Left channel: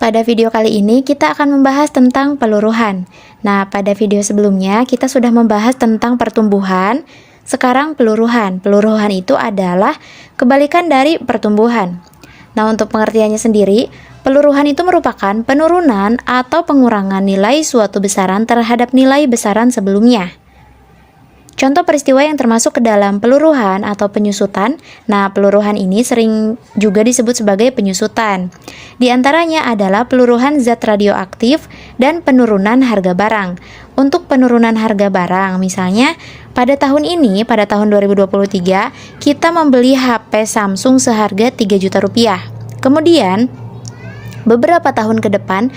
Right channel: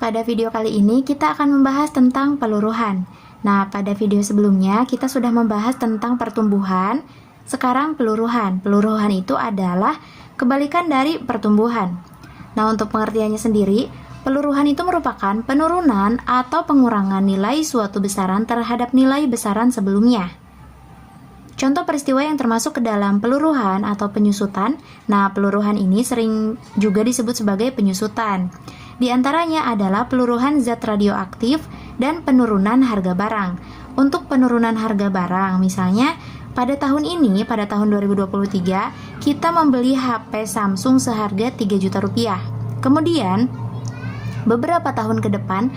Pada video kali ini kita akan membahas tentang peluruhan. Nah, pada video sebelumnya kita sudah membahas tentang pertumbuhan. Sekarang peluruhan. Peluruhan itu adalah kebalikan dari pertumbuhan. Nah, untuk pengertiannya sendiri, peluruhan itu merupakan penurunan atau pengurangan nilai suatu besaran terhadap nilai besaran sebelumnya. Contoh peristiwa yang termasuk ke dalam peluruhan atau penyusutan. Nah, peluruhan ini sering juga disebut sebagai penyusutan. Di antaranya adalah peluruhan zat radioaktif dan penurunan harga barang. Untuk penurunan harga barang, misalnya pada tahun ini, pada tahun 2023, kita membeli HP Samsung seharga 3 juta rupiah. Kemudian, beberapa tahun ke depan,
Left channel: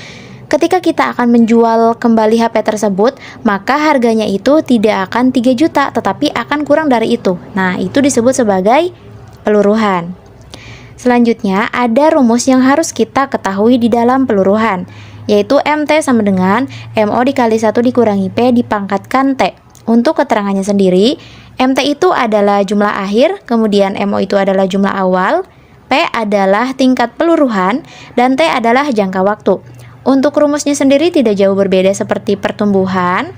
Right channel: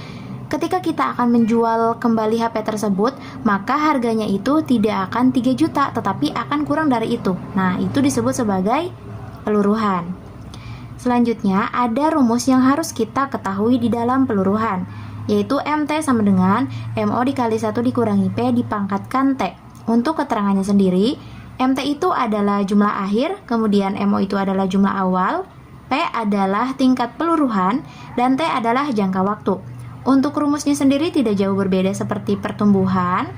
ketika kita akan menjual kembali HP tersebut, maka harganya itu tidak akan 3 juta, tetapi akan kurang dari itu. Nah, itu disebut sebagai peluruhan. Selanjutnya, ada rumus yang harus kita ketahui di dalam peluruhan, yaitu MT sama dengan MO dikali 1 dikurangi P dipangkatkan T. Untuk keterangannya sendiri, MT itu adalah jumlah akhir, kemudian MO itu adalah jumlah awal, P adalah tingkat peluruhan, dan T adalah jangka waktu. Untuk rumusnya sendiri tidak jauh berbeda seperti pertumbuhan.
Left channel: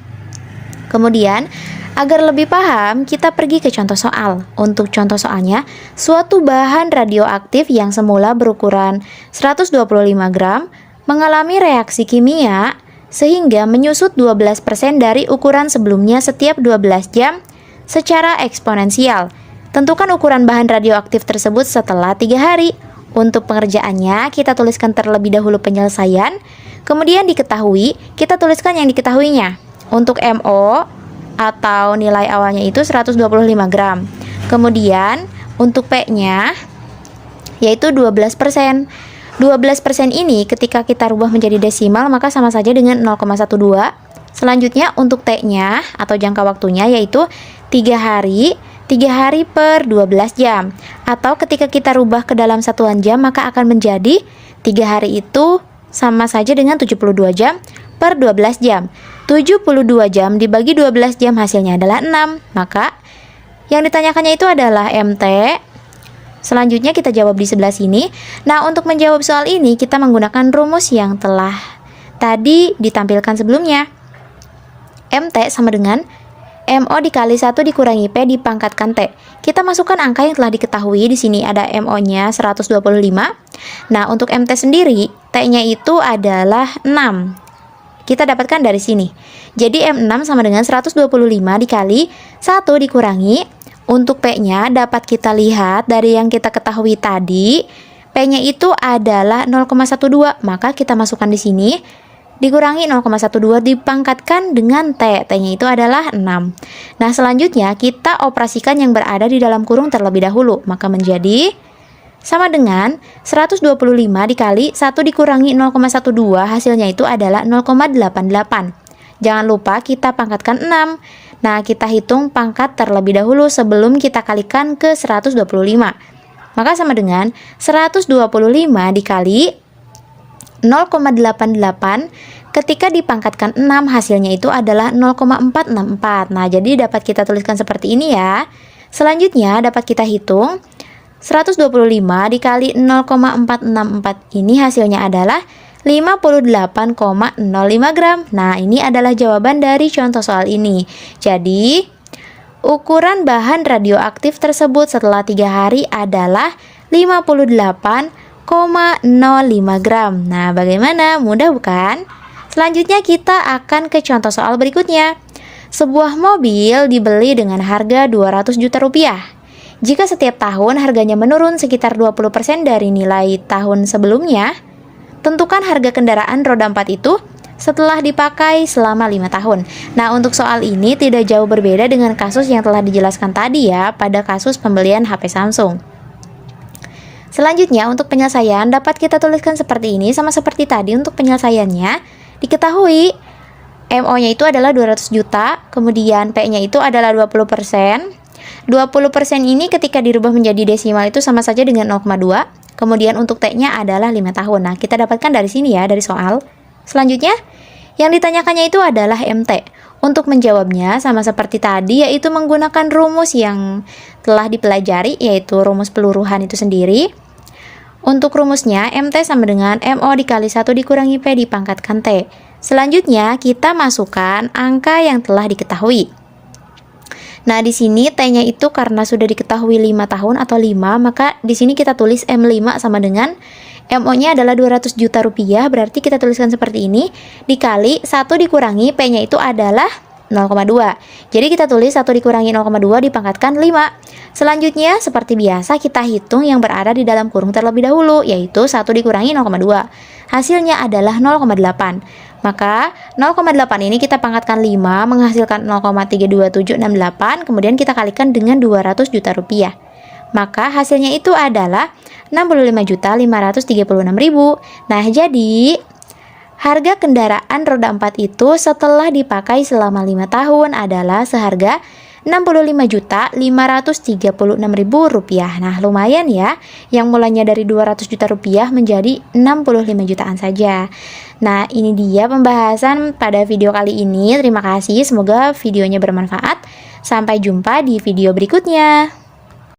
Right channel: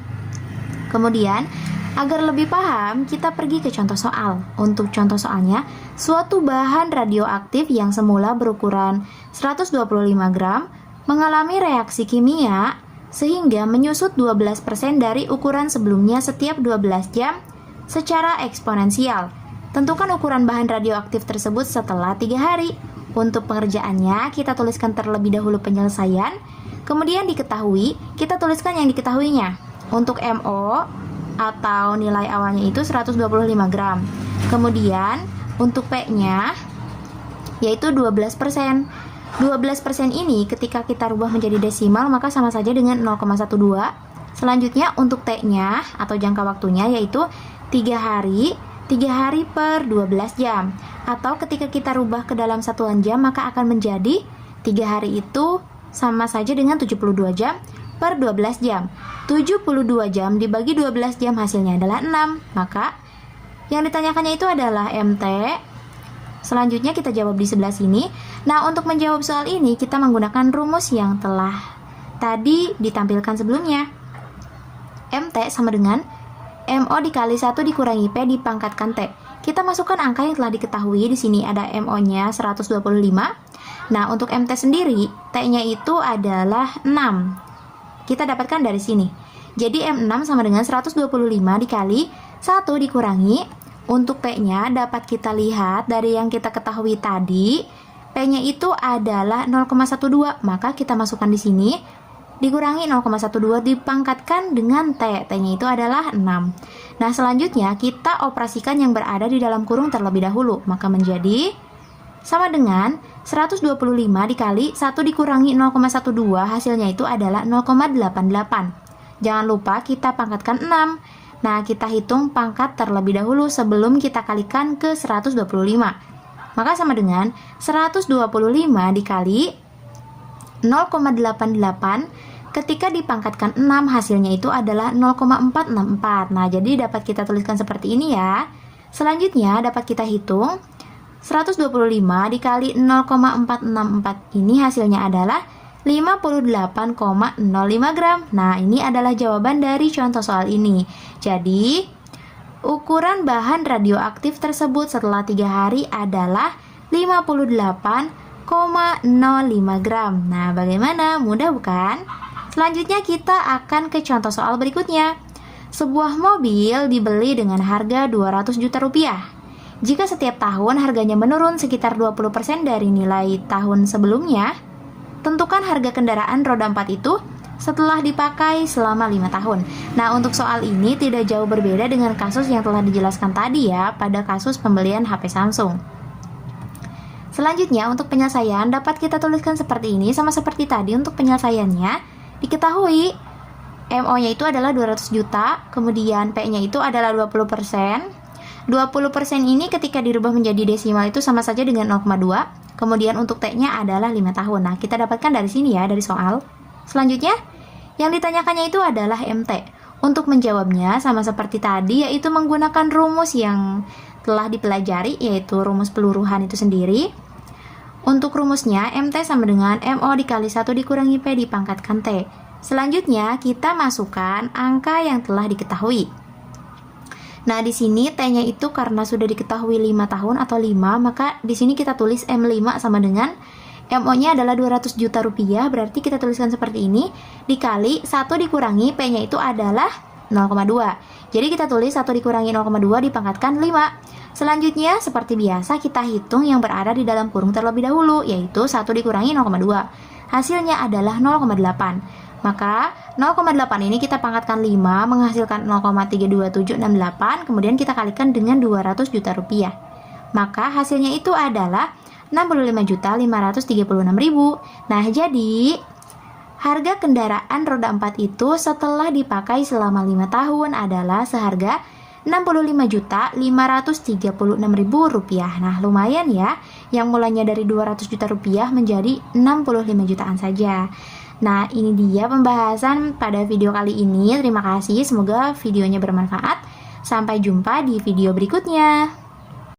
Kemudian, agar lebih paham, kita pergi ke contoh soal. Untuk contoh soalnya, suatu bahan radioaktif yang semula berukuran 125 gram mengalami reaksi kimia sehingga menyusut 12% dari ukuran sebelumnya setiap 12 jam secara eksponensial. Tentukan ukuran bahan radioaktif tersebut setelah 3 hari. Untuk pengerjaannya, kita tuliskan terlebih dahulu penyelesaian, kemudian diketahui, kita tuliskan yang diketahuinya. Untuk MO atau nilai awalnya itu 125 gram. Kemudian untuk P-nya yaitu 12%. 12% ini ketika kita rubah menjadi desimal maka sama saja dengan 0,12. Selanjutnya untuk T-nya atau jangka waktunya yaitu 3 hari. 3 hari per 12 jam. Atau ketika kita rubah ke dalam satuan jam maka akan menjadi 3 hari itu sama saja dengan 72 jam per 12 jam. 72 jam dibagi 12 jam hasilnya adalah 6. Maka yang ditanyakannya itu adalah MT. Selanjutnya kita jawab di sebelah sini. Nah, untuk menjawab soal ini kita menggunakan rumus yang telah tadi ditampilkan sebelumnya. MT sama dengan MO dikali 1 dikurangi P dipangkatkan T. Kita masukkan angka yang telah diketahui. Di sini ada MO-nya 125. Nah, untuk MT sendiri, T-nya itu adalah 6. Kita dapatkan dari sini. Jadi M6 sama dengan 125 dikali 1 dikurangi. Untuk P-nya dapat kita lihat dari yang kita ketahui tadi. P-nya itu adalah 0,12. Maka kita masukkan di sini. Dikurangi 0,12 dipangkatkan dengan T. T-nya itu adalah 6. Nah, selanjutnya kita operasikan yang berada di dalam kurung terlebih dahulu. Maka menjadi sama dengan 125 dikali 1 dikurangi 0,12 hasilnya itu adalah 0,88. Jangan lupa kita pangkatkan 6. Nah, kita hitung pangkat terlebih dahulu sebelum kita kalikan ke 125. Maka sama dengan 125 dikali 0,88 ketika dipangkatkan 6 hasilnya itu adalah 0,464. Nah, jadi dapat kita tuliskan seperti ini ya. Selanjutnya dapat kita hitung 125 dikali 0,464 ini hasilnya adalah 58,05 gram. Nah, ini adalah jawaban dari contoh soal ini. Jadi, ukuran bahan radioaktif tersebut setelah 3 hari adalah 58,05 gram. Nah, bagaimana? Mudah bukan? Selanjutnya kita akan ke contoh soal berikutnya. Sebuah mobil dibeli dengan harga 200 juta rupiah. Jika setiap tahun harganya menurun sekitar 20% dari nilai tahun sebelumnya, tentukan harga kendaraan roda 4 itu setelah dipakai selama 5 tahun. Nah, untuk soal ini tidak jauh berbeda dengan kasus yang telah dijelaskan tadi ya, pada kasus pembelian HP Samsung. Selanjutnya untuk penyelesaian dapat kita tuliskan seperti ini sama seperti tadi. Untuk penyelesaiannya diketahui MO-nya itu adalah 200 juta, kemudian P-nya itu adalah 20%. 20% ini ketika dirubah menjadi desimal itu sama saja dengan 0,2. Kemudian untuk T-nya adalah 5 tahun. Nah, kita dapatkan dari sini ya, dari soal. Selanjutnya yang ditanyakannya itu adalah MT. Untuk menjawabnya sama seperti tadi, yaitu menggunakan rumus yang telah dipelajari, yaitu rumus peluruhan itu sendiri. Untuk rumusnya, MT sama dengan MO dikali 1 dikurangi P dipangkatkan T. Selanjutnya, kita masukkan angka yang telah diketahui. Nah, di sini T-nya itu karena sudah diketahui 5 tahun atau 5, maka di sini kita tulis M5 sama dengan MO-nya adalah 200 juta rupiah, berarti kita tuliskan seperti ini, dikali 1 dikurangi P-nya itu adalah 0,2. Jadi kita tulis 1 dikurangi 0,2 dipangkatkan 5. Selanjutnya, seperti biasa kita hitung yang berada di dalam kurung terlebih dahulu, yaitu 1 dikurangi 0,2. Hasilnya adalah 0,8. Maka 0,8 ini kita pangkatkan 5 menghasilkan 0,32768, kemudian kita kalikan dengan 200 juta rupiah. Maka hasilnya itu adalah 65.536.000. Nah, jadi harga kendaraan roda 4 itu setelah dipakai selama 5 tahun adalah seharga Rp65.536.000. Nah, lumayan ya, yang mulanya dari 200 juta rupiah menjadi 65 jutaan saja. Nah, ini dia pembahasan pada video kali ini. Terima kasih, semoga videonya bermanfaat. Sampai jumpa di video berikutnya.